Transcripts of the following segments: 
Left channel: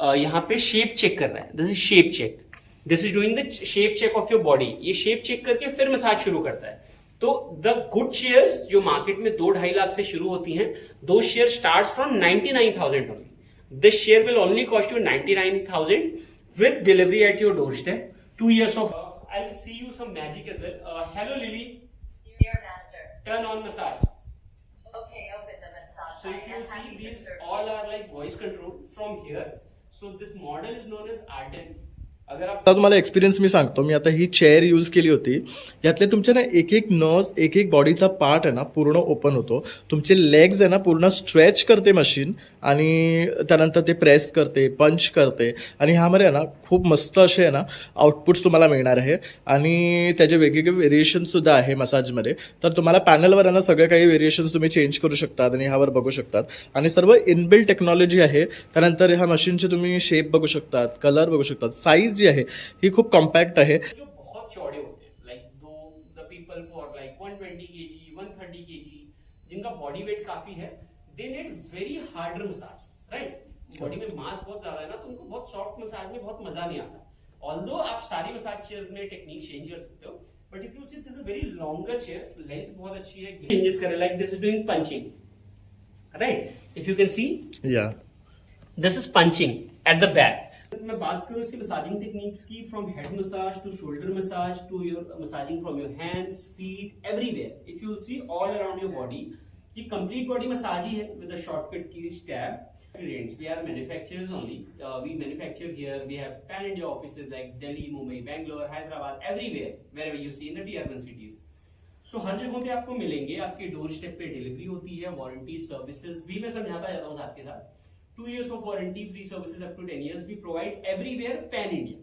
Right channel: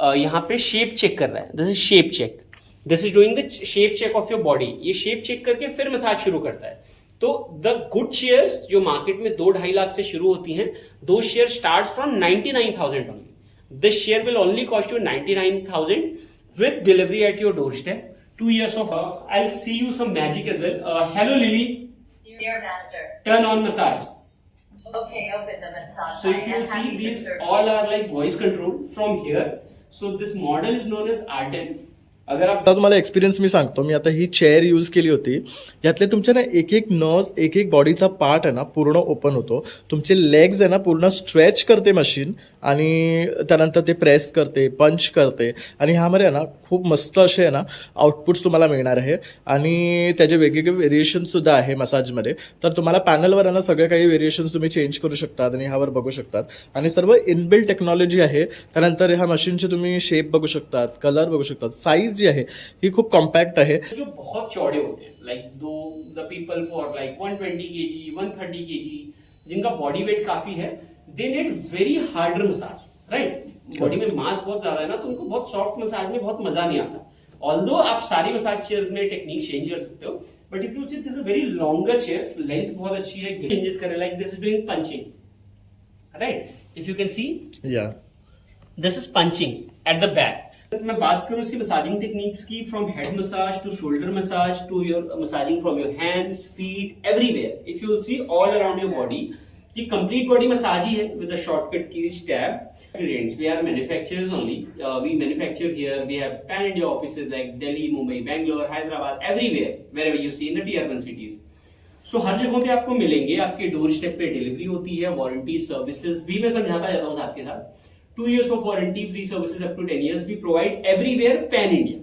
यहाँ पे shape check कर रहा है. This is shape check. This is doing the shape check of your body. ये शेप चेक करके फिर मसाज शुरू करता है. तो द गुड चेयर्स जो मार्केट में 2-2.5 लाख से शुरू होती हैं, दो chair start from 99,000 only. This chair will only cost you 99,000 with delivery at your doorstep. 2 years of I'll see you some magic as well. Hello Lily. Dear master. Turn on massage. Okay, open the massage. So if you see, these all are like voice control from here. So this model is known as Arden. अगर आप आता तुम्हाला experience मी सांगतो. मी आता ही chair use केली होती. यातले तुमचे ना एक एक नर्व्स, एक एक बॉडीचा पार्ट आहे ना पूर्ण ओपन होतो. तुमचे लेग्स आहे ना पूर्ण स्ट्रेच करते मशीन आणि त्यानंतर ते प्रेस करते, पंच करते आणि ह्यामध्ये आहे ना खूप मस्त असे आहे ना आउटपुट्स तुम्हाला मिळणार आहे आणि त्याचे वेगवेगळे व्हेरिएशनसुद्धा आहे मसाजमध्ये. तर तुम्हाला पॅनलवर आहे ना सगळे काही व्हेरिएशन्स तुम्ही चेंज करू शकतात आणि ह्यावर बघू शकतात आणि सर्व इनबिल्ट टेक्नॉलॉजी आहे. त्यानंतर ह्या मशीनचे तुम्ही शेप बघू शकतात, कलर बघू शकतात. साईज जी आहे ही खूप कॉम्पॅक्ट आहे. जो बहुत चौड़े होते हैं, like the people for like 120 kg, 130 kg, जिनका बॉडी वेट काफी है, they need very harder massage, right. Body में मास बहुत ज्यादा है ना, तो उनको बहुत सॉफ्ट मसाज में बहुत मजा नहीं आता. ऑल्दो आप सारी मसाज चेयर्स में टेक्निक चेंज कर सकते हो, but if you see this is a very longer chair, length बहुत अच्छी है. चेंजेस करें, like this is doing punching, right. If you can see, या this is punching at the back. मैं बात करूं इसकी मसाजिंग टेक्निक्स की, from head massage to shoulder massage to your massaging from your hands, feet, everywhere. If you will see all around your body, ये complete body massage ही है with a shortcut की tab. We are manufacturers only. We manufacture here. We have pan-India offices like Delhi, Mumbai, Bangalore, Hyderabad, everywhere, wherever you see in the tier 1 cities. So हर जगहों पे आपको मिलेंगे. आपके door step पे delivery होती है. Warranty services भी मैं समझाता जाता हूँ साथ के साथ. 2 years of warranty, free services up to 10 years. We provide everywhere pan-India.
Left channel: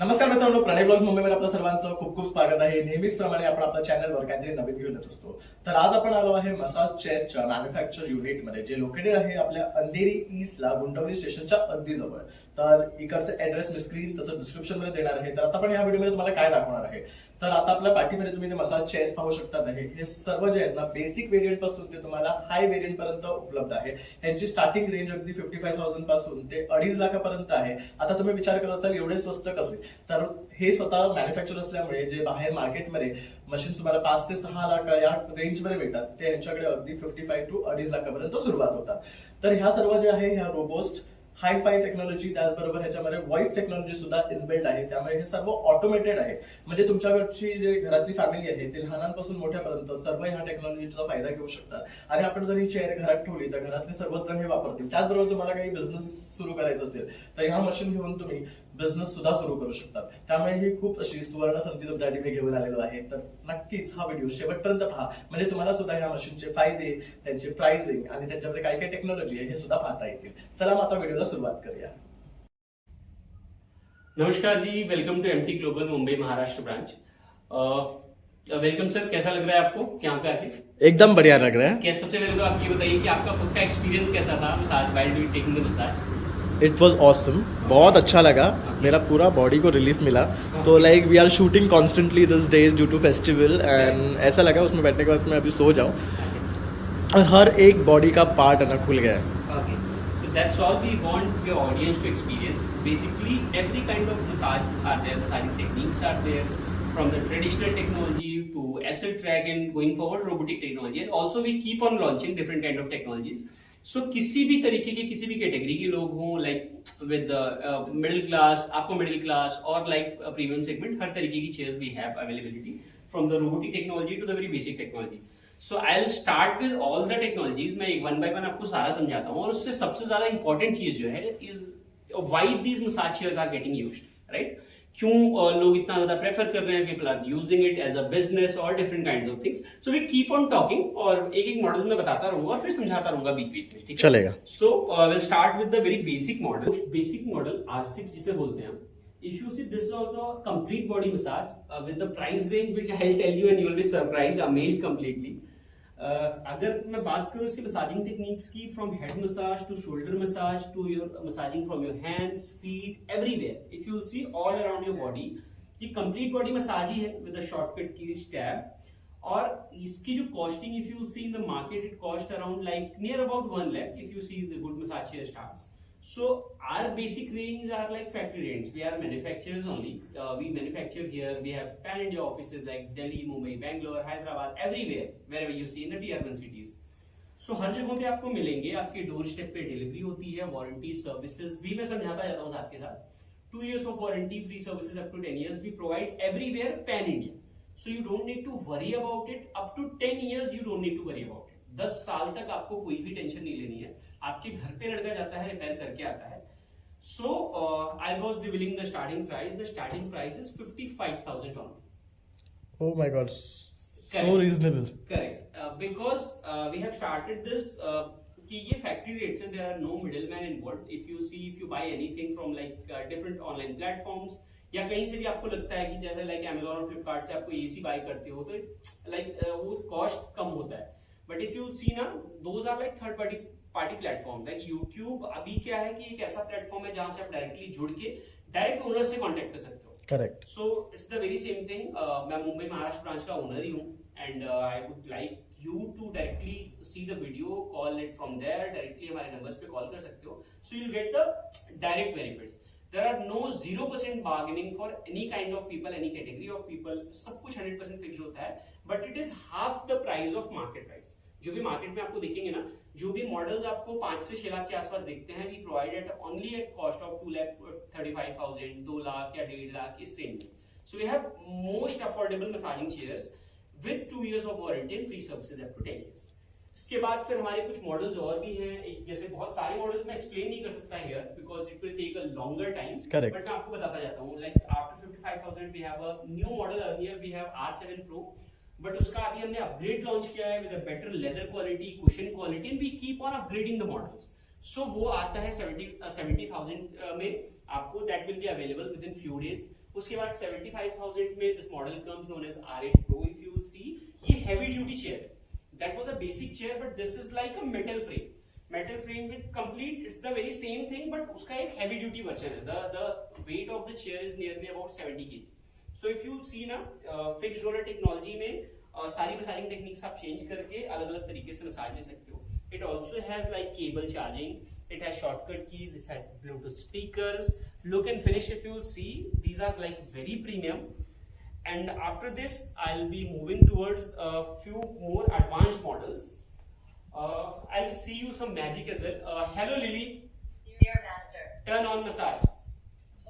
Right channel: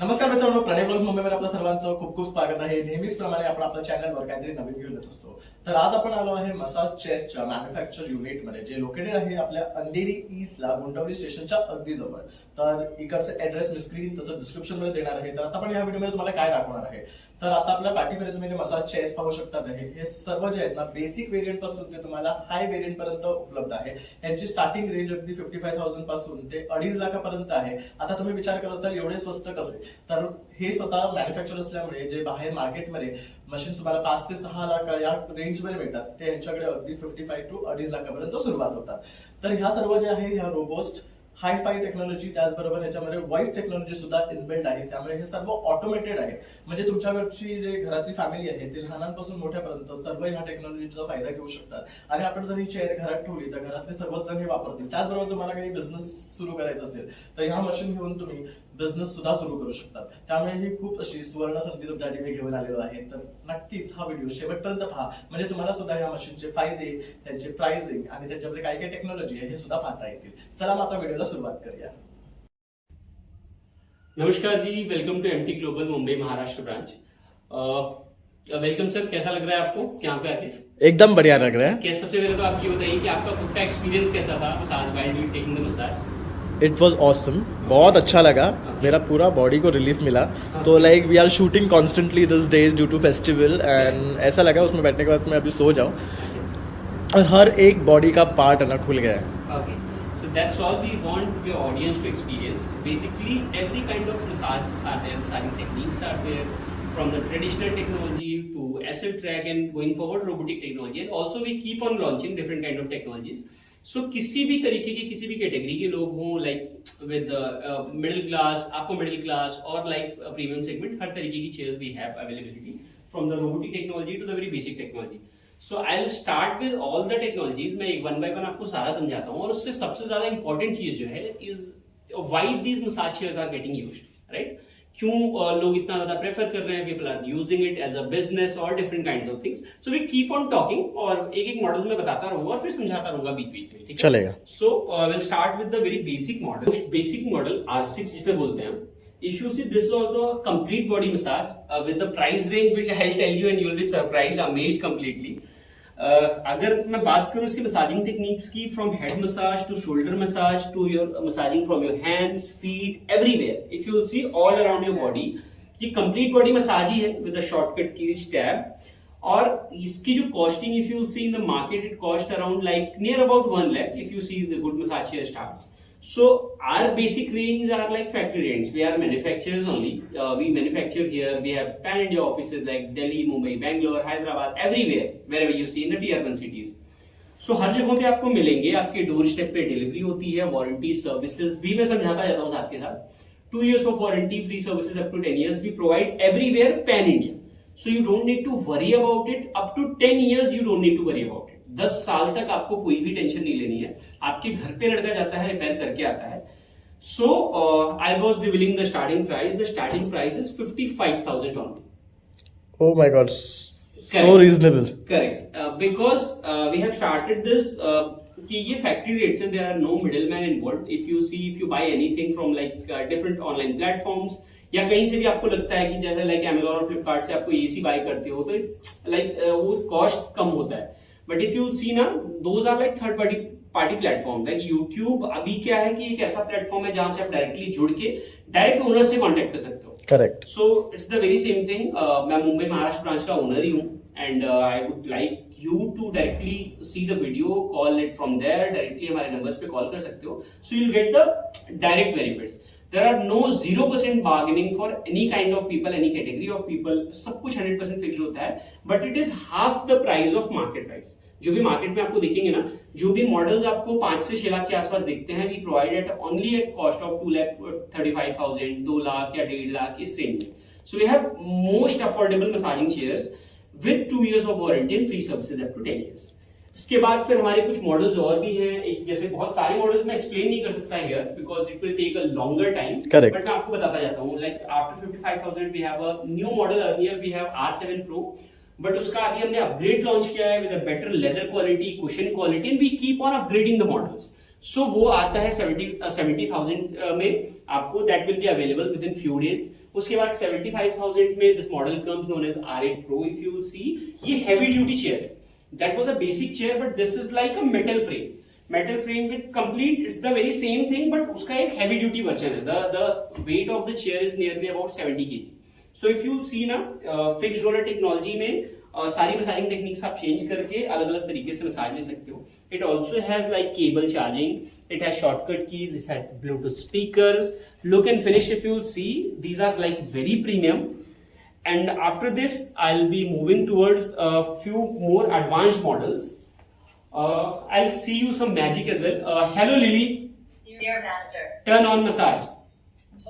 नमस्कार मित्रांनो, प्रणय ब्लॉग्स मुंबईमध्ये आपलं सर्वांचं खूप खूप स्वागत आहे. नेहमीचप्रमाणे आपण आपल्या चॅनलवर काहीतरी नवीन घेऊन येत असतो. तर आज आपण आलो आहे मसाज चेअर्सच्या मॅन्युफॅक्चर युनिटमध्ये, जे लोकेटेड आहे आपल्या अंधेरी ईस्टला, गुंडवली स्टेशनच्या अगदी जवळ. तर इकडचं ऍड्रेस मी स्क्रीन तसं डिस्क्रिप्शन मध्ये देणार आहे. तर आता आपण या व्हिडिओमध्ये तुम्हाला काय दाखवणार आहे, तर आता आपल्या पाठीमध्ये तुम्ही ते मसाज चेअर्स पाहू शकतात आहे. हे सर्व जे आहेत ना, बेसिक व्हेरियंट पासून ते तुम्हाला हाय व्हेरियंट पर्यंत उपलब्ध आहे. यांची स्टार्टिंग रेंज अगदी 55,000 पासून ते 2.5 लाखापर्यंत आहे. आता तुम्ही विचार करत असाल एवढे स्वस्त कसे, तर हे स्वतः मॅन्युफॅक्चर असल्यामुळे जे बाहेर मार्केटमध्ये मशीन तुम्हाला 5 ते 6 लाख या रेंजमध्ये मिळतात, ते यांच्याकडे अगदी 55 to 2.5 लाखापर्यंत सुरुवात होतात. तर ह्या सर्व जे आहे ह्या रोबोस्ट हाय-फाय टेक्नॉलॉजी, त्याचबरोबर ह्याच्यामध्ये व्हॉइस टेक्नॉलॉजी सुद्धा इनबिल्ट आहे. त्यामुळे हे सर्व ऑटोमेटेड आहे. म्हणजे तुमच्याकडची जे घरातली फॅमिली आहे ते लहानांपासून मोठ्यापर्यंत सर्व ह्या टेक्नॉलॉजीचा फायदा घेऊ शकतात. आणि आपण जर ही चेअर घरात ठेवली तर घरातले सर्वच जण हे वापरतील. त्याचबरोबर तुम्हाला काही बिझनेस सुरू करायचा असेल तर ह्या मशीन घेऊन तुम्ही बिझनेस सुद्धा सुरू करू शकतात. त्यामुळे ही खूप अशी सुवर्ण संधी तुमच्यासाठी मी घेऊन आलेलो आहे. तर नक्कीच हा व्हिडिओ शेवटपर्यंत पहा, म्हणजे तुम्हाला सुद्धा ह्या मशीनचे फायदे, त्यांचे प्राइसिंग आणि त्यांच्यामध्ये काय काय टेक्नॉलॉजी आहे हे सुद्धा पाहता येतील. चला मग आता व्हिडिओला सुरुवात करूया. नमस्कार जी, welcome to MT global Mumbai Maharashtra branch. Welcome sir, कैसा लग रहा है आपको यहाँ पे आके? एकदम बढ़िया लग रहा है. कैसे, सबसे पहले तो आप ये बताइए कि आपका खुद का एक्सपीरियंस कैसा था massage, while you taking the massage? It was awesome. बहुत अच्छा लगा. मेरा पूरा बॉडी को रिलीफ मिला. तो like we are shooting constantly this days due to festival and ऐसा लगा उसमें बैठने के बाद मैं अभी सो जाऊँ और हर एक बॉडी का पार्ट है ना खुल गया है. Okay. So that's all we want your audience to experience. Basically, every kind of massage are there, massaging techniques are there, from the traditional technology to acid track and going forward robotic technology. And also we keep on launching different kind of technologies. So किसी भी तरीके के, किसी भी category के लोग हों, like with middle class, आपको मिडिल क्लास और लाइक प्रीमियम सेगमेंट, हर तरीके की chairs we have availability, from the robotic technology to the very basic technology. So I will start with all the technologies. मैं एक 1 by 1 आपको सारा समझाता हूँ. और उससे सबसे ज्यादा इंपॉर्टेंट चीज जो है is why these massage chairs are getting used, right. क्यों लोग इतना ज्यादा प्रेफर कर रहे हैं, people are using it as a business और different kind of things. So we keep on talking और एक एक मॉडल में बताता रहूंगा और फिर समझाता रहूंगा बीच बीच में, ठीक चलेगा. So will start with the very basic model. Basic model R6 जिसे बोलते हैं. If you see, this is also a complete body massage with the price range which I'll tell you and you'll be surprised, amazed completely. अगर मैं बात करूं इसकी massaging techniques की, from head massage to shoulder massage to your massaging from your hands, feet, everywhere. If you will see all around your body, ये complete body massage ही है with a shortcut की टैब. और इसकी जो costing, if you will see in the market, it cost around like near about 1 lakh if you see the good massage chair starts. So our basic range are like factory range. We are manufacturers only. We manufacture here. We have pan-India offices like Delhi, Mumbai, Bangalore, Hyderabad, everywhere, wherever you see in the tier 1 cities. So हर जगहों पे आपको मिलेंगे, आपके door step पे delivery होती है, warranty services भी मैं समझाता जाता हूँ साथ के साथ. 2 years of warranty, free services up to 10 years. We provide everywhere pan-India. So you don't need to worry about it. Up to 10 years you don't need to worry about it. 10 साल तक आपको कोई भी टेंशन नहीं लेनी है. आपके घर पे लड़का जाता है, रिपेयर करके आता है. So I was revealing the starting price. The starting price is 55,000 only. Oh my God, so Correct. reasonable. Correct. Because we have started this कि ये factory rates हैं, there are no middleman involved. If you buy anything from like different online platforms या कहीं से भी आपको लगता है कि जैसे like Amazon और Flipkart से आपको AC buy करते हो तो like वो cost कम होता है. But if you see ना, those are like third party platform. Like YouTube अभी क्या है कि एक ऐसा प्लेटफॉर्म है जहां से आप डायरेक्टली जुड़ के डायरेक्ट ओनर से कांटेक्ट कर सकते हो. Correct. So it's the very same thing. मैं मुंबई महाराष्ट्र ब्रांच का ओनर ही हूँ and I would like you to directly see the video, call it from there, directly हमारे numbers पे call कर सकते हो. So you'll get the direct benefits. There are no 0% bargaining for any kind of people, any category of people. सब कुछ 100% fix होता है, but it is half the price of market price. जो भी मार्केट में आपको दिखेंगे ना, जो भी मॉडल्स आपको 5 से 6 लाख के आसपास दिखते हैं, we provide at only a cost of 2,35,000, 2 lakh या 1.5 लाख इस रेंज में. So we have most affordable massaging chairs with 2 years of warranty and free services up to 10 years. इसके बाद फिर हमारे कुछ मॉडल्स और भी हैं. एक जैसे बहुत सारे मॉडल्स मैं एक्सप्लेन नहीं कर सकता here because it will take a longer time. Correct. But मैं आपको बताता जाता हूँ. Like after 55,000 we have a new model. Earlier we have R7 Pro, but उसका अभी हमने अपग्रेड लॉन्च किया है with a better leather quality, cushion quality, and we keep on upgrading the models. So वो आता है 70,000 में आपको. That will be available within few days. उसके बाद 75,000 में this model comes known as R8 Pro. If you will see, ये heavy duty chair है. That was a basic chair, but this is like a metal frame. Metal frame with complete, it's the very same thing, but उसका एक heavy duty version है. The weight of the chair is nearly about 70 kg. So if you see ना, fixed roller technology में सारी massaging techniques आप change करके अलग अलग तरीके से मसाज ले सकते हो. It also has like cable charging. It has shortcut keys. It has Bluetooth speakers. Look and finish. If you will see, these are like very premium. And after this, I'll be moving towards a few more advanced models. I'll see you some magic as well. Hello Lily, Junior Master. turn on massage.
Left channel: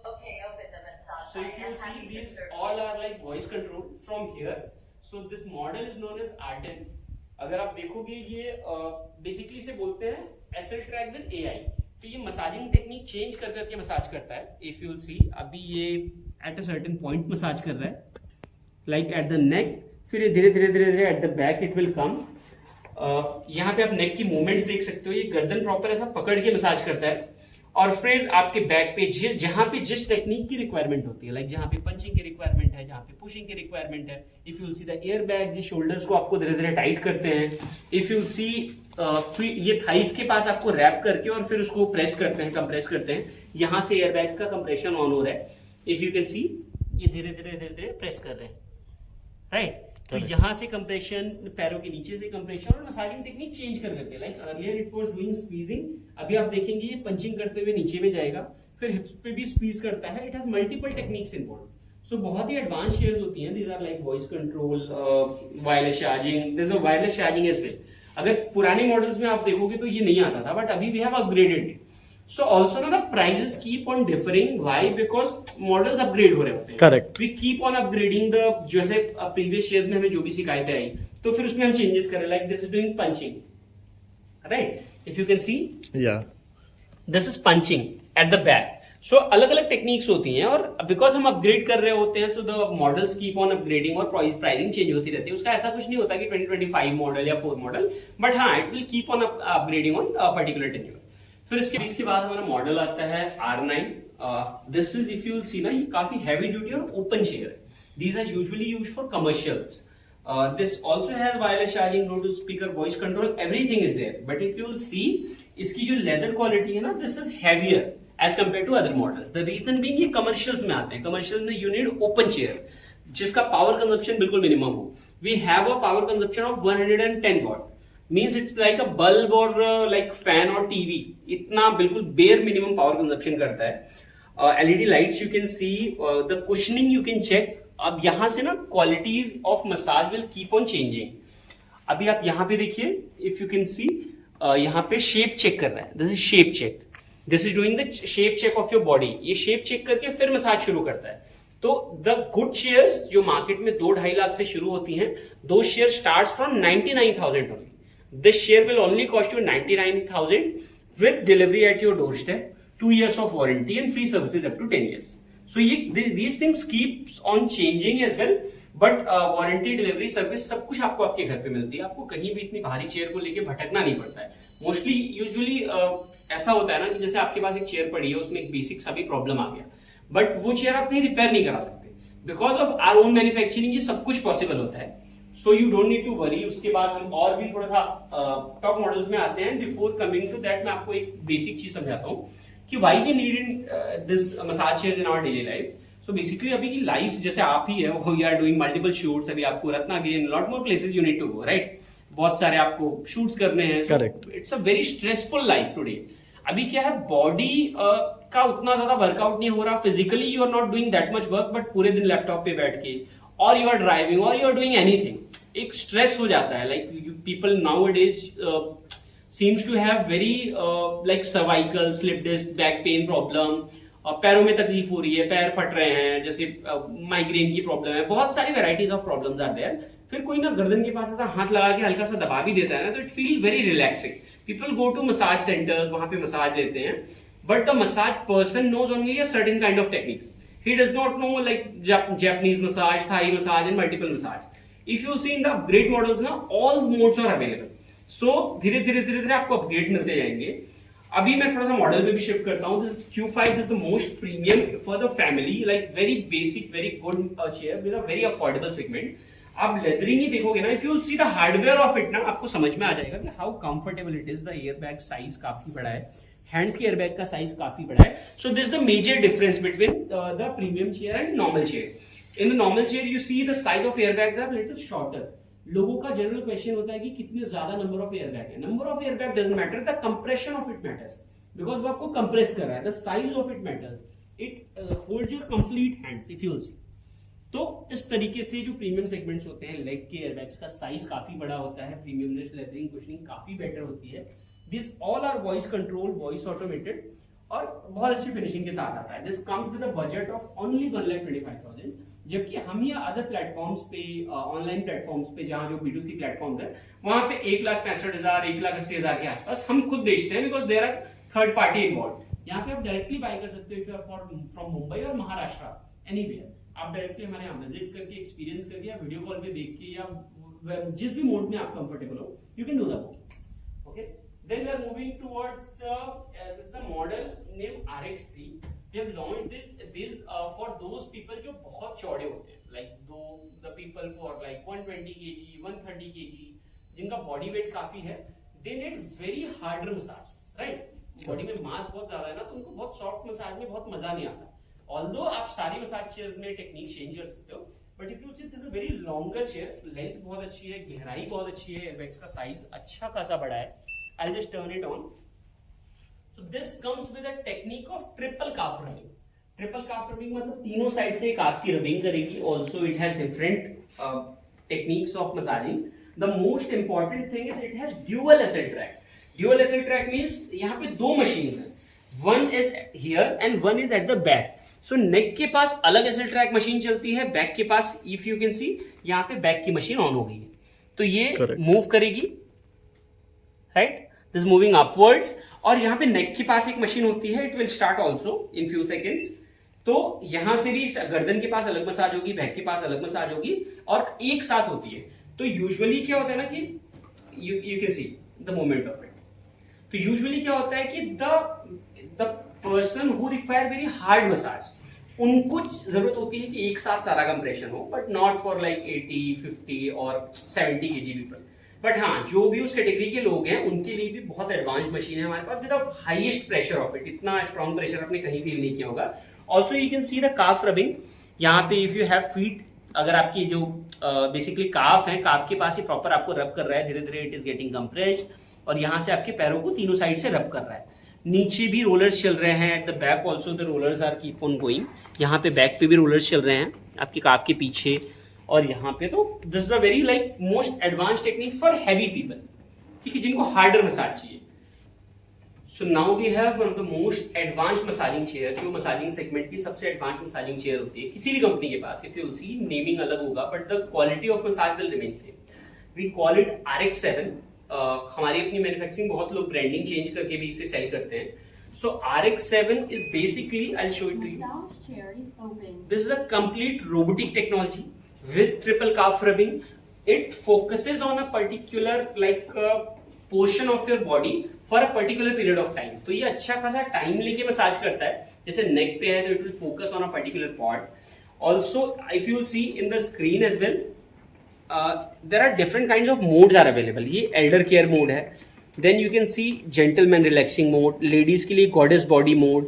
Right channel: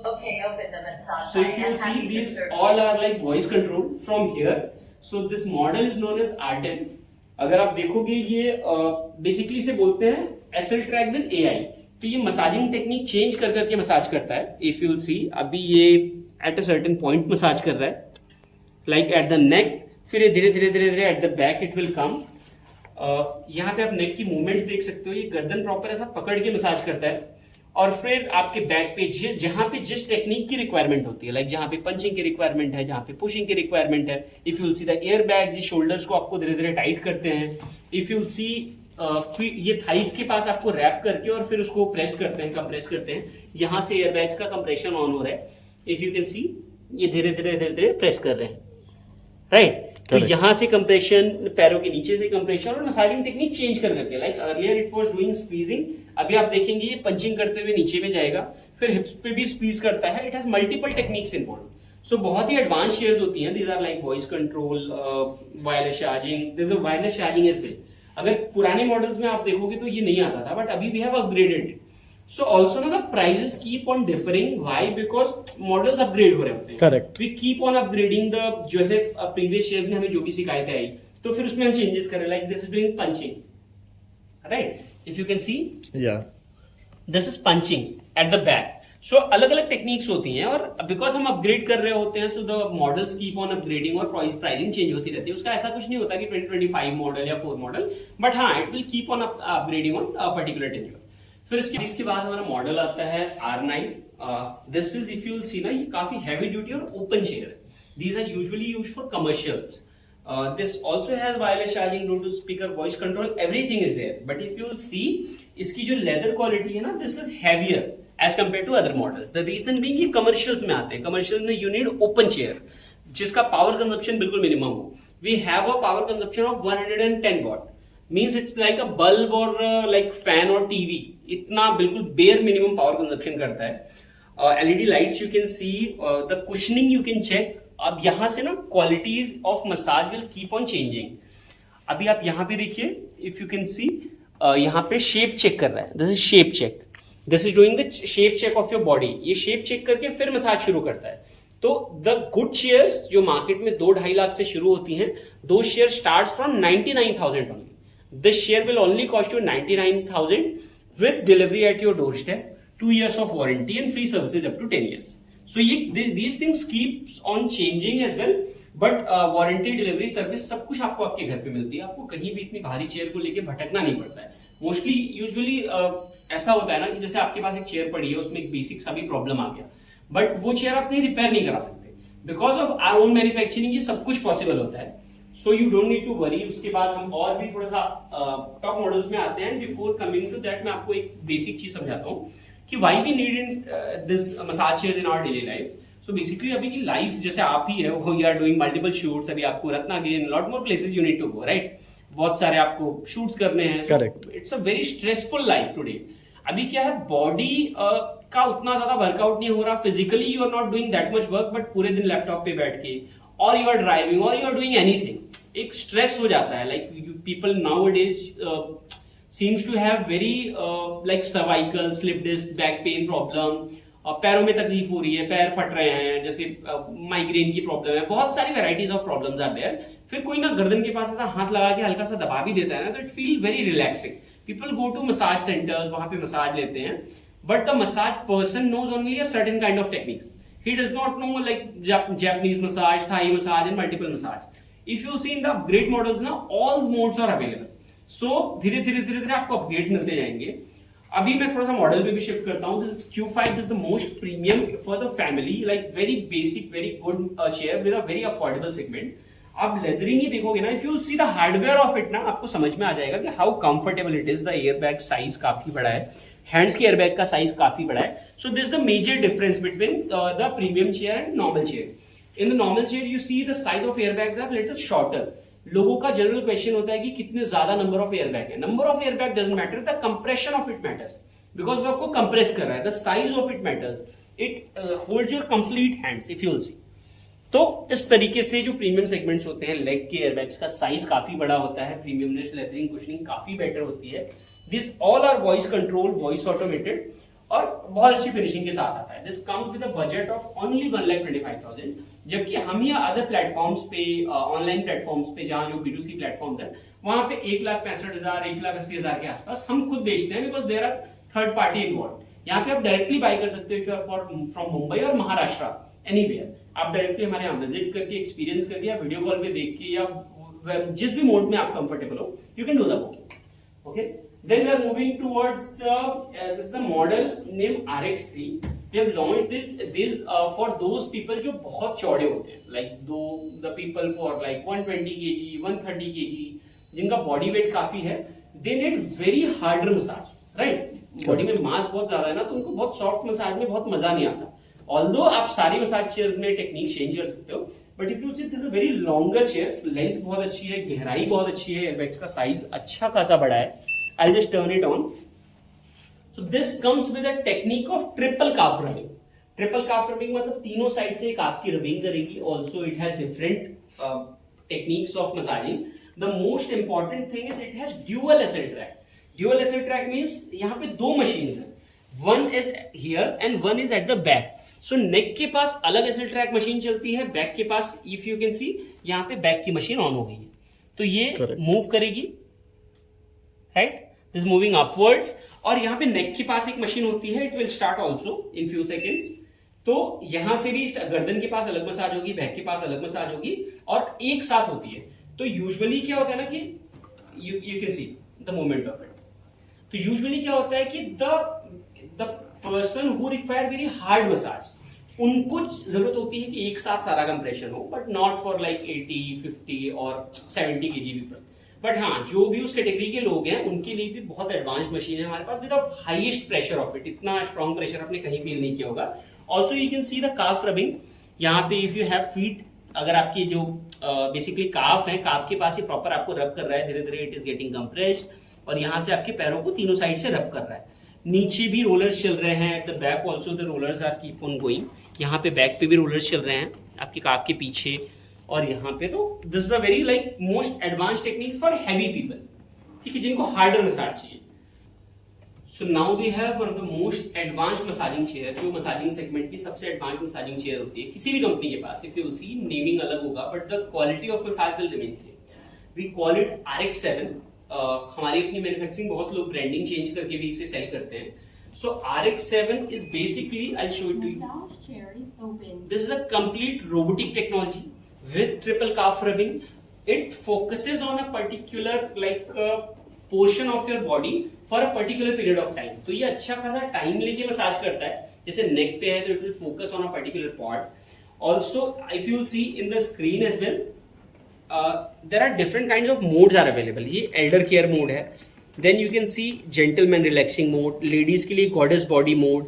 Okay, open the massage. So if you I'm see, happy to these serve you. all are like voice control from here. So this model is known as R10. अगर आप देखोगे ये basically से बोलते हैं acyl track with AI. तो ये massaging technique change कर करके मसाज करता है. इफ यू विल सी, अभी ये at a certain point massage कर रहा है लाइक एट द नेक. फिर ये धीरे धीरे धीरे धीरे eight the back it will come. यहाँ पे आप नेक की मूवमेंट्स देख सकते हो. ये गर्दन प्रॉपर ऐसा पकड़ के मसाज करता है. और फिर आपके बैक पे जहाँ पे जिस टेक्निक की रिक्वायरमेंट होती है, लाइक जहाँ पे पंचिंग की रिक्वायरमेंट है, जहाँ पे पुशिंग की रिक्वायरमेंट है, if you see the air bags, ये शोल्डर्स को आपको धीरे धीरे टाइट करते हैं. इफ यू सी ये थाइस के पास आपको रैप करके और फिर उसको प्रेस करते हैं, कंप्रेस करते हैं. यहाँ से एयर बैग्स का कंप्रेशन ऑन हो रहा है. इफ यू कैन सी, ये धीरे धीरे धीरे धीरे प्रेस कर रहे हैं, राइट. तो यहाँ से कंप्रेशन, पैरों के नीचे से कंप्रेशन, और मसाजिंग टेक्निक चेंज कर करके. Like earlier it was doing squeezing, अभी आप देखेंगे ये पंचिंग करते हुए नीचे में जाएगा, फिर हिप्स पे भी स्क्वीज करता है. It has multiple techniques involve. So बहुत ही एडवांस चेयर्स होती हैं. These are like voice control, wireless charging. There is a wireless charging as well. अगर पुराने मॉडल्स में आप देखोगे तो ये नहीं आता था, बट अभी we have upgraded it. So also now the prices keep on differing. Why? Because models upgrade हो रहे होते हैं. Correct. We keep on upgrading the, जैसे previous years में हमें जो भी शिकायतें आई, तो फिर उसमें हम changes करें. Like this is doing punching, right? If you can see, Yeah. this is punching at the back. So अलग अलग टेक्निक्स होती हैं, और because हम अपग्रेड कर रहे होते हैं, so the models keep on upgrading और प्राइसिंग चेंज होती रहती है. उसका ऐसा कुछ नहीं होता कि 2025 मॉडल या 4 मॉडल, बट हाँ, it will keep on upgrading on particular tenure. फिर इसके बाद हमारा मॉडल आता है R9. This is, if you see ना, ये काफी हैवी ड्यूटी और ओपन चेयर है. These are usually used for commercials. This also has wireless charging, bluetooth speaker, voice control, everything is there. But if you see, इसकी जो leather quality है ना, this is heavier as compare to other models. The reason being ये commercials में आते हैं. Commercials में you need open chair जिसका पावर कंजप्शन बिल्कुल मिनिमम हो. We have a power consumption of 110 watt. Means it's like a bulb और like fan और टीवी, इतना बिल्कुल बेयर मिनिमम पावर कंजप्शन करता है। LED lights you can see, the cushioning you can check. अब यहां से ना qualities of massage will keep on changing. अभी आप यहाँ पे देखिए, इफ यू कैन सी, यहाँ पे शेप चेक कर रहा है, this is shape check, this is doing the shape check of your body. ये शेप चेक करके फिर मसाज शुरू करता है। तो द गुड शेयर्स जो मार्केट में 2-2.5 लाख से शुरू होती हैं, दो chair start from 99,000 only. This chair will only cost you 99,000 with delivery at your doorstep, 2 years of warranty and free services up to 10 years। सो ये these things keeps on changing as well, but warranty, delivery service सब कुछ आपको आपके घर पे मिलती है। आपको कहीं भी इतनी भारी चेयर को लेके भटकना नहीं पड़ता है। मोस्टली यूजुअली ऐसा होता है ना कि जैसे आपके पास एक चेयर पड़ी है, उसमें एक बेसिक सा भी प्रॉब्लम आ गया, बट वो चेयर आप कहीं रिपेयर नहीं करा सकते। Because of our own manufacturing ये सब कुछ पॉसिबल होता है। So you don't need to worry. उसके बाद हम और भी थोड़ा सा टॉप मॉडल्स में आते हैं। बिफोर कमिंग टू दैट मैं आपको एक बेसिक चीज समझाता हूँ कि why we need in this massage chair in our daily life. So basically अभी की लाइफ जैसे आप ही है, वो you are doing multiple shoots. अभी आपको Ratnagiri and lot more places you need to go, right? बहुत सारे आपको शूट्स करने हैं। Correct. It's a very stressful life today. अभी क्या है, बॉडी का उतना ज्यादा वर्कआउट नहीं हो रहा। Physically you are not doing that much work, but पूरे दिन लैपटॉप पे बैठ के, और यू आर ड्राइविंग, और यू आर डूइंग एनीथिंग, एक स्ट्रेस हो जाता है। Like people nowadays seems to have very like cervical, slip disc, back pain problem, पैरों में तकलीफ हो रही है, पैर फट रहे हैं, जैसे माइग्रेन की प्रॉब्लम है, बहुत सारी varieties of problems are there. फिर कोई ना गर्दन के पास ऐसा हाथ लगा के हल्का सा दबा भी देता है ना, तो it feel very relaxing. People go to massage centres, वहां पे मसाज लेते हैं, but the massage person knows only a certain kind of techniques. He does not know like Japanese massage, Thai massage and multiple massage. If you see in the upgrade models now, all modes are available. So धीरे धीरे आपको upgrades मिलते जाएंगे। अभी मैं थोड़ा सा model पे भी शिफ्ट करता हूँ। This Q5 is the most premium for the family, like very basic, very good chair with a very affordable segment. आप लेदरिंग ही देखोगे ना, if you see the hardware of it ना, आपको समझ में आ जाएगा कि how comfortable it is. The airbag size काफी बड़ा है, हैंड्स के एयरबैग का साइज काफी बड़ा है। So this the major difference between the premium chair and normal chair. In the normal chair you see the size of airbags are little shorter. लोगों का जनरल क्वेश्चन होता है कि कितने ज्यादा नंबर ऑफ एयरबैग है। Number of airbag doesn't matter, the compression of it matters, because वो आपको कंप्रेस कर रहा है। The size of it matters, it holds your complete hands if you will सी। तो इस तरीके से जो प्रीमियम सेगमेंट्स होते हैं, लेग के एयरबैग्स का साइज काफी बड़ा होता है, प्रीमियमनेस, लेदरिंग, कुशनिंग काफी बेटर होती है। This all are voice control, voice automated, और बहुत अच्छी फिनिशिंग के साथ आता है। This comes with a budget of only 1,25,000। जबकि हम या अदर प्लेटफॉर्म्स पे, ऑनलाइन प्लेटफॉर्म्स पे, जहां जो B2C प्लेटफॉर्म है, वहां पे 1,65,000, 1,80,000 के आसपास हम खुद बेचते हैं, because there are third party involve. यहाँ पे आप डायरेक्टली बाय कर सकते हो if you are from Mumbai और महाराष्ट्र, एनीवेयर। आप डायरेक्टली हमारे यहाँ विजिट करके, एक्सपीरियंस करके, या वीडियो कॉल पे देख के, या जिस भी मोड में आप कंफर्टेबल हो, you can do the booking. Okay, then we are moving towards this is the model named RX3. We have launched this for those people जो बहुत चौड़े होते हैं, like the people for like 120 kg, 130 kg, जिनका body weight काफी है, they need very harder massage, right? Body में मास बहुत ज्यादा है ना, तो उनको बहुत सॉफ्ट मसाज में बहुत मजा नहीं आता। ऑल्दो आप सारी मसाज चेयर्स में टेक्निक चेंज कर सकते हो, but if you see this is a very longer chair, length बहुत अच्छी है, गहराई बहुत अच्छी है, एयरबैग्स का साइज अच्छा खासा बड़ा है। I'll just turn it on. So this comes with a technique of triple calf rubbing. Triple calf rubbing मतलब तीनों साइड से calf की rubbing करेगी. Also it has different techniques of massaging. The most important thing is it has dual SL track. Dual SL track means यहाँ पे दो machines हैं. One is here and one is at the back. So neck के पास अलग SL track machine चलती है, back के पास if you can see यहाँ पे back की machine on हो गई है. तो ये move करेगी, right? This is moving upwards, और यहाँ पे नेक के पास एक मशीन होती है, it will start also in few seconds. तो यहाँ से भी गर्दन के पास अलग मसाज होगी, बैक के पास अलग मसाज होगी, और एक साथ होती है। तो यूजुअली क्या होता है ना कि you can see the movement of it. तो यूजुअली क्या होता है कि the person who require very hard massage, उनको जरूरत होती है कि एक साथ सारा कंप्रेशन हो, बट नॉट फॉर लाइक 80, 50 और 70 kg पीपल। बट हाँ, जो भी उस कैटेगरी के लोग हैं, उनके लिए भी बहुत एडवांस मशीन है हमारे पास, without highest pressure of it. इतना स्ट्रॉन्ग प्रेशर आपने कहीं फील नहीं किया होगा। Also you can see the calf rubbing. यहाँ पे इफ यू हैव फीट अगर आपकी जो बेसिकली काफ है, काफ के पास ही प्रॉपर आपको रब कर रहा है, धीरे धीरे इट इज गेटिंग कंप्रेस्ड, और यहाँ से आपके पैरों को तीनों साइड से रब कर रहा है। नीचे भी रोलर्स चल रहे हैं, at the back also the rollers are keep on going. यहाँ पे बैक पे भी रोलर्स चल रहे हैं आपकी काफ के पीछे, और यहाँ पे तो this is a very like most advance technique for heavy people, ठीक है, जिनको हार्डर मसाज चाहिए। So now we have one of the most advanced massaging chair, जो मसाजिंग सेगमेंट की सबसे एडवांस मसाजिंग चेयर होती है किसी भी कंपनी के पास। If you will see, naming अलग होगा but the quality of massage will remain same. We call it RX7। हमारी अपनी मैन्युफैक्चरिंग, बहुत लोग ब्रांडिंग चेंज करके भी इसे सेल करते हैं। So RX7 is basically, I'll show it to you. Massage chair is open. This is a complete robotic technology with triple calf rubbing. It focuses on a particular portion of your body for a particular period of time. तो ये अच्छा खासा time लेके massage करता है। जैसे नेक पे है तो it will focus on a particular part. Also, if you will see in the screen as well, there are different kinds of modes are available. ये elder care mode है, then you can see gentleman relaxing mode, ladies के लिए goddess body mode,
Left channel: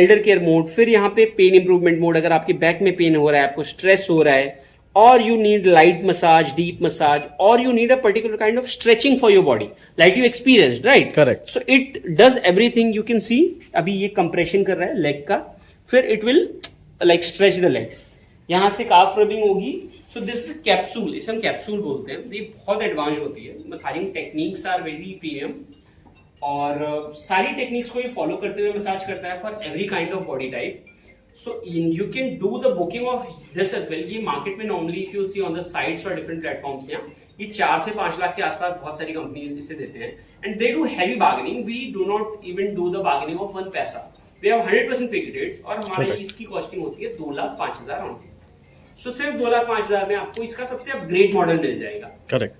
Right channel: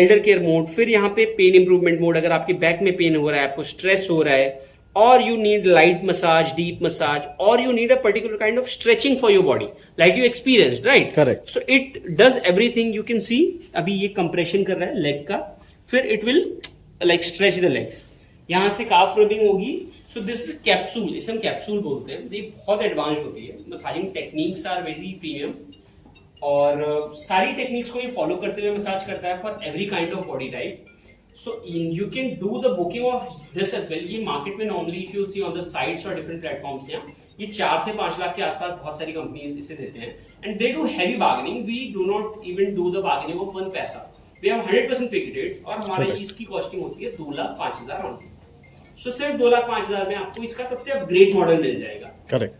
elder care mode, फिर यहाँ पे pain improvement mode, अगर आपके back में पेन हो रहा है, आपको स्ट्रेस हो रहा है, or you need light massage, deep massage, or you need a particular kind of stretching for your body like you experienced, right? Correct. So it does everything. You can see अभी ये compression कर रहा है leg का, फिर it will like stretch the legs, यहाँ से calf rubbing होगी। सो दिस इज कैप्सूल, इसे हम कैप्सूल बोलते हैं। ये बहुत एडवांस होती है, massaging techniques are very premium, और सारी टेक्निक्स को ये फॉलो करते हुए मसाज करता है for every kind of body type. So you can do the booking of this as well. ये मार्केट में normally if you see on the sites और डिफरेंट प्लेटफॉर्म्स, ये 4 से 5 लाख के आसपास बहुत सारी कंपनीज इसे देते हैं, and they do heavy bargaining. We do not even do the bargaining of 1 पैसा। वी हैव 100% फिक्स्ड रेट्स, और हमारे इसकी कॉस्टिंग होती है 2,05,000 ऑन। सो सिर्फ 2,05,000 में आपको इसका सबसे अपग्रेड मॉडल मिल जाएगा। Correct.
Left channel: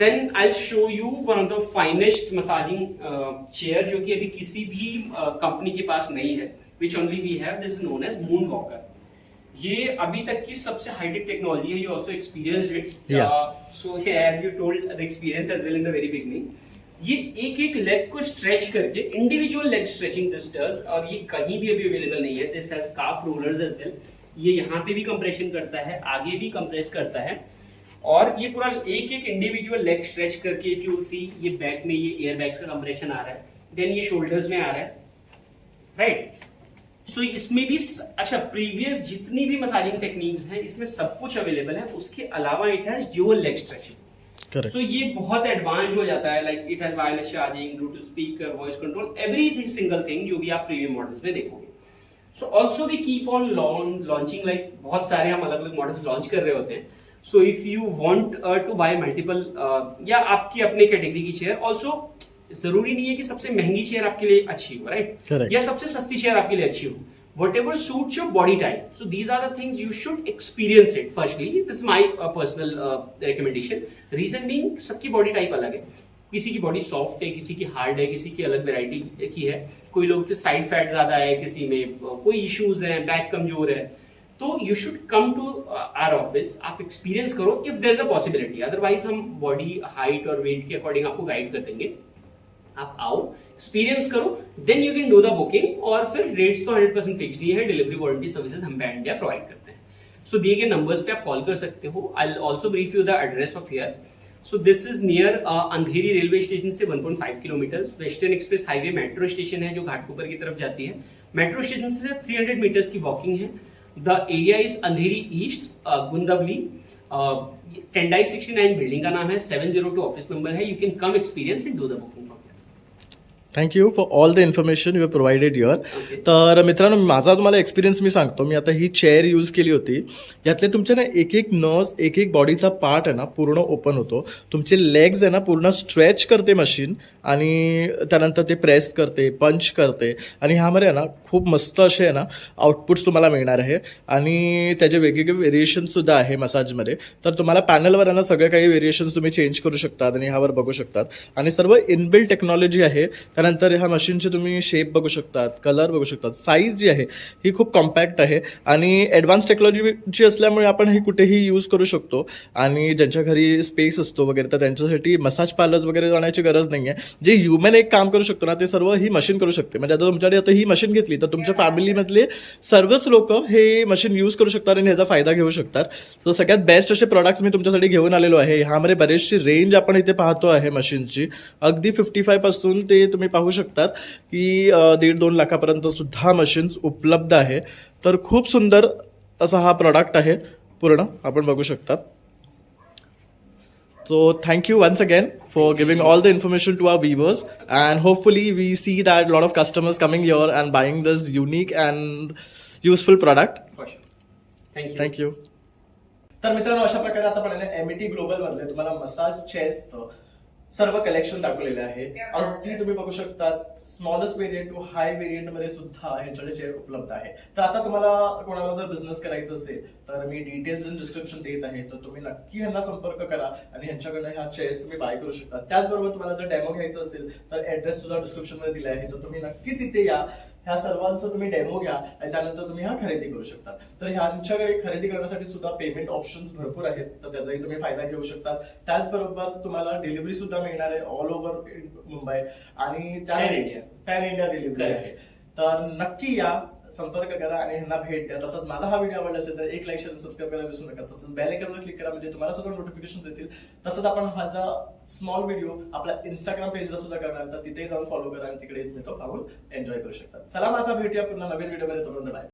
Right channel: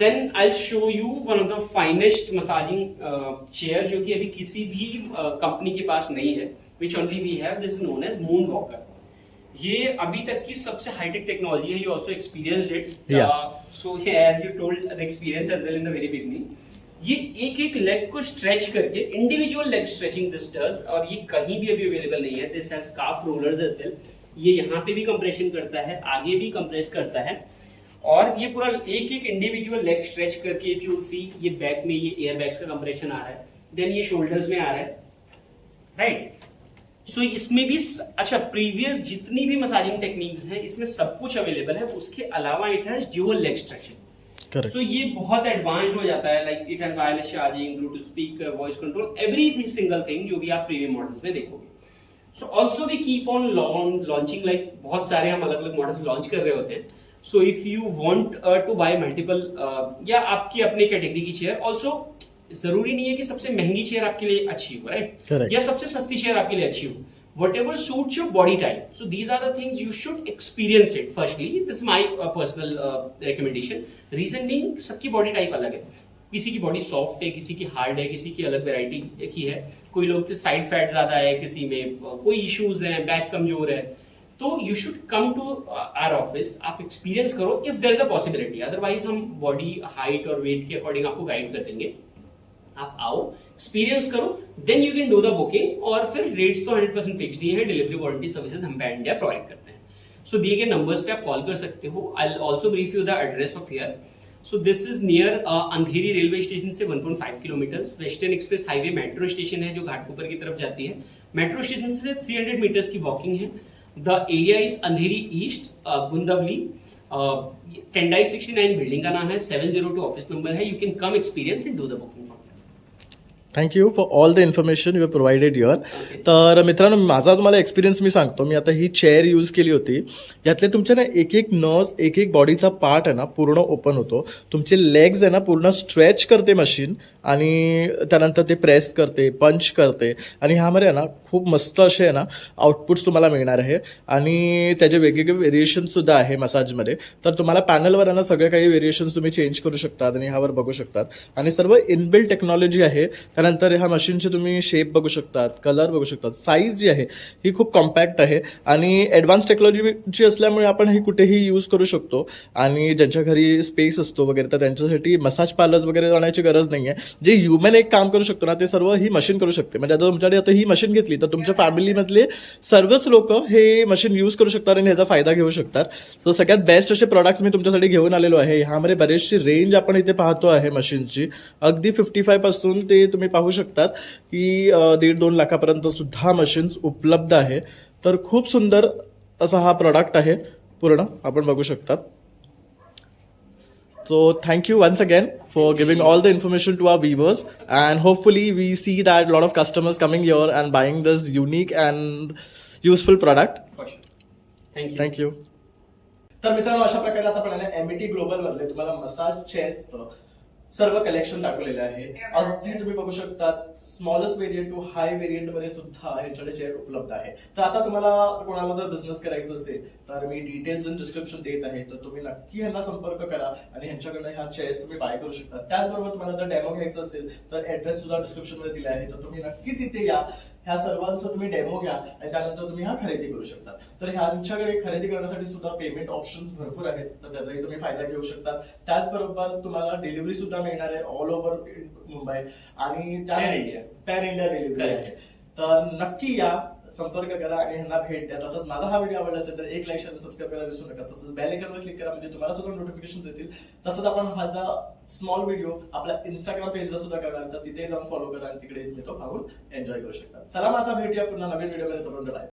Then I show you one of the finest massaging chair, जो कि अभी किसी भी कंपनी के पास नहीं है, which only we have. This is known as moon walker. ये अभी तक की सबसे हाईटेक टेक्नोलॉजी है। You also experienced it, so as you told the experience as well in the very beginning. ये एक एक लेग को स्ट्रेच करके, individual leg stretching this does, और ये कहीं भी अभी अवेलेबल नहीं है। This has calf rollers as well. ये यहाँ पे भी कंप्रेशन करता है, आगे भी कंप्रेस करता है, और ये पूरा एक एक इंडिविजुअल लेग स्ट्रेच करके, इफ यू सी, ये बैक में ये एयर बैग्स का कंप्रेशन आ रहा है, देन ये शोल्डर्स में आ रहा है, राइट। सो इसमें भी अच्छा, प्रीवियस जितनी भी मसाजिंग टेक्निक्स हैं इसमें सब कुछ अवेलेबल है। उसके अलावा it has dual leg stretching. So ये बहुत एडवांस हो जाता है, like it has wireless charging, bluetooth speaker, voice control, every single thing जो भी आप प्रीमियम मॉडल्स में देखोगे। So also we keep on launching, like बहुत सारे हम अलग अलग मॉडल्स लॉन्च कर रहे होते हैं। So if you want to buy multiple या आपकी अपने कैटेगरी की चेयर, also जरूरी नहीं है कि सबसे महंगी चेयर आपके लिए अच्छी हो, राइट, या सबसे सस्ती चेयर आपके लिए अच्छी हो। Whatever suits your body type. So these are the things you should experience it. Firstly, this is my personal recommendation. Reason being, सबकी बॉडी टाइप अलग है। किसी की बॉडी सॉफ्ट है, किसी की हार्ड है, किसी की अलग वैरायटी की है। कोई लोग तो साइड फैट ज्यादा है, किसी में कोई इश्यूज हैं, बैक कमजोर है। तो you should come to our office, आप एक्सपीरियंस करो if there is a possibility. Otherwise हम बॉडी हाइट और वेट के अकॉर्डिंग आपको गाइड कर देंगे। आप आओ, एक्सपीरियंस करो, then you can do the booking. और फिर रेट्स तो 100% फिक्स्ड ही है। डिलीवरी वारंटी सर्विसेज हम पैन इंडिया प्रोवाइड करते हैं। सो दिए गए नंबर्स पे आप कॉल कर सकते हो। I will also brief you the address of here. So this is near Andheri railway station से 1.5 kilometre. Western express highway metro station है जो घाटकोपर की तरफ जाती है। मेट्रो स्टेशन से 300 मीटर्स की वॉकिंग है। The area is Andheri east, Gundavali. Tendai 69 building का नाम है, 702 ऑफिस नंबर है। You can come experience and do the booking. Thank you for all the information you provided your. तर मित्रांनो, माझा तुम्हाला एक्सपिरियन्स मी सांगतो. मी आता ही चेअर यूज केली होती. यातले तुमचे ना एक एक नर्व्स, एक एक बॉडीचा पार्ट आहे ना पूर्ण ओपन होतो. तुमचे लेग्स आहे ना पूर्ण स्ट्रेच करते मशीन आणि त्यानंतर ते प्रेस करते, पंच करते आणि ह्यामध्ये आहे ना खूप मस्त असे आहे ना आउटपुट्स तुम्हाला मिळणार आहे. आणि त्याचे वेगवेगळे व्हेरिएशनसुद्धा आहे मसाजमध्ये. तर तुम्हाला पॅनलवर आहे ना सगळे काही व्हेरिएशन्स तुम्ही चेंज करू शकतात आणि ह्यावर बघू शकतात. आणि सर्व इनबिल्ट टेक्नॉलॉजी आहे. तर त्यानंतर ह्या मशीनचे तुम्ही शेप बघू शकतात, कलर बघू शकतात. साईज जी आहे ही खूप कॉम्पॅक्ट आहे आणि ॲडव्हान्स टेक्नॉलॉजीची असल्यामुळे आपण हे कुठेही यूज करू शकतो. आणि ज्यांच्या घरी स्पेस असतो वगैरे तर त्यांच्यासाठी मसाज पार्लर्स वगैरे जाण्याची गरज नाही आहे. जे ह्युमन एक काम करू शकतो ना ते सर्व ही मशीन करू शकते. म्हणजे आता तुमच्याकडे आता ही मशीन घेतली तर तुमच्या फॅमिलीमधले सर्वच लोक हे मशीन यूज करू शकतात आणि ह्याचा फायदा घेऊ शकतात. सो सगळ्यात बेस्ट असे प्रॉडक्ट्स मी तुमच्यासाठी घेऊन आलेलो आहे. ह्यामध्ये बरेचशी रेंज आपण इथे पाहतो आहे मशीनची. अगदी 55 पासून ते तुम्ही पाहू शकतात की 1.5-2 लाखापर्यंत सुद्धा मशीन्स उपलब्ध आहे. तर खूप सुंदर असा हा प्रॉडक्ट आहे पूर्ण आपण बघू शकतात. So thank you once again for giving all the information to our viewers, and hopefully we see that a lot of customers coming here and buying this unique and useful product. For sure. Thank you. Thank you. तर मित्रांनो अशा प्रकारे आता आपण MET global मधले तुम्हाला massage चेअर्सचं सर्व collection दाखवलेलं आहे. अगदी तुम्ही बघू शकता smallest variant to high variant मध्ये सुद्धा ह्यांच्याकडे चेअर उपलब्ध आहे. तर आता तुम्हाला कोणाला जर बिझनेस करायचं असेल तर मी डिटेल्स इन डिस्क्रिप्शन देत आहे, तर तुम्ही नक्की ह्यांना संपर्क करा आणि ह्यांच्याकडे ह्या चेअर्स तुम्ही बाय करू शकता. त्याचबरोबर तुम्हाला जर डेमो घ्यायचा असेल तर ऍड्रेस सुद्धा डिस्क्रिप्शन मध्ये दिला आहे, तर तुम्ही नक्कीच इथे या. ह्या सर्वांचा तुम्ही डेमो घ्या आणि त्यानंतर तुम्ही हा खरेदी करू शकता. तर ह्यांच्याकडे खरेदी करण्यासाठी सुद्धा पेमेंट ऑप्शन्स भरपूर आहेत, तर त्याचाही तुम्ही फायदा घेऊ शकता. त्याचबरोबर तुम्हाला डिलिव्हरी सुद्धा मिळणार आहे ऑल ओव्हर मुंबई आणि पॅन इंडिया डिलिव्हरी आहे. तर नक्की या, संपर्क करा आणि ह्यांना भेट द्या. तसंच माझा हा व्हिडिओ आवडला असेल तर एक लाईक शेअर सबस्क्राईब करायला विसरू नका. तसंच बेल आयकॉनवर क्लिक करा म्हणजे तुम्हाला सुद्धा नोटिफिकेशन येतील. तसंच आपण हा स्मॉल व्हिडिओ आपल्या इंस्टाग्राम पेजला सुद्धा करणार, तर तिथे जाऊन फॉलो करा आणि तिकडे तुम्ही तो पाहून एन्जॉय करू शकता. चला मग आता भेटूया पुन्हा नवीन व्हिडिओमध्ये. तोपर्यंत बाय.